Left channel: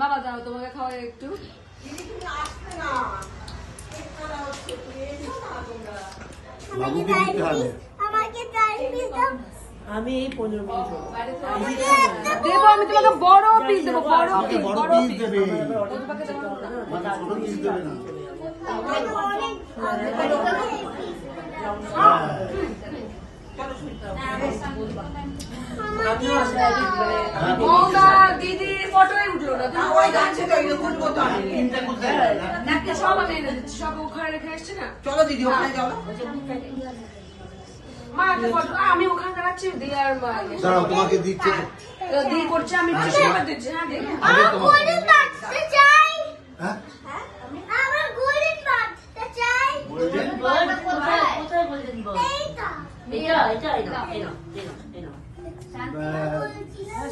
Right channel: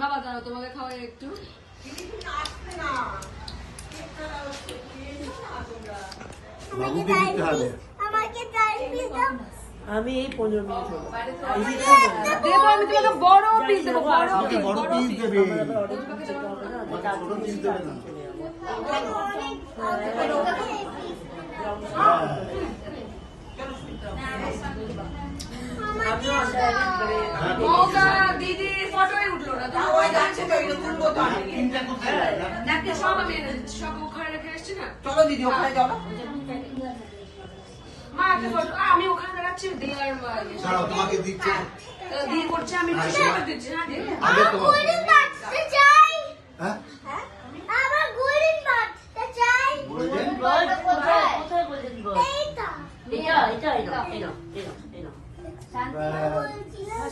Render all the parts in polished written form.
বাবা দাও তোমাকে খাওয়াই একটু। আমি এই 15 মিনিট দেবো, আমি তোমাকে বড় পিস দেবো, বড় পিস দেবে। দিদির ফটোই উঠলো না, সব আমি এনে দিচ্ছি, সব ওখানে রেখে এসছি না। চলো দিদি ওখানে চলো। মা একটা ফটো, আমি ওখানে দাঁড়াচ্ছি, দিয়ে আর তোমাকে দিচ্ছে দিয়ে করছে, আমি দিচ্ছি। হ্যাঁ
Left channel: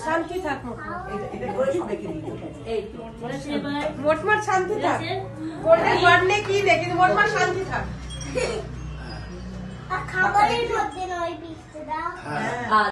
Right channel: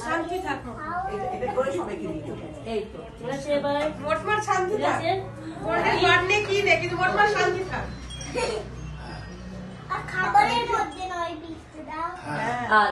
শান্তি থাকো, এটা করে সবাইকে দিও। এই তো মোটমাট শান্তি থাক, করলে কি দেখি মোটমাট শান্তি থাক। খাবারের মধ্যে নয় পিসটা।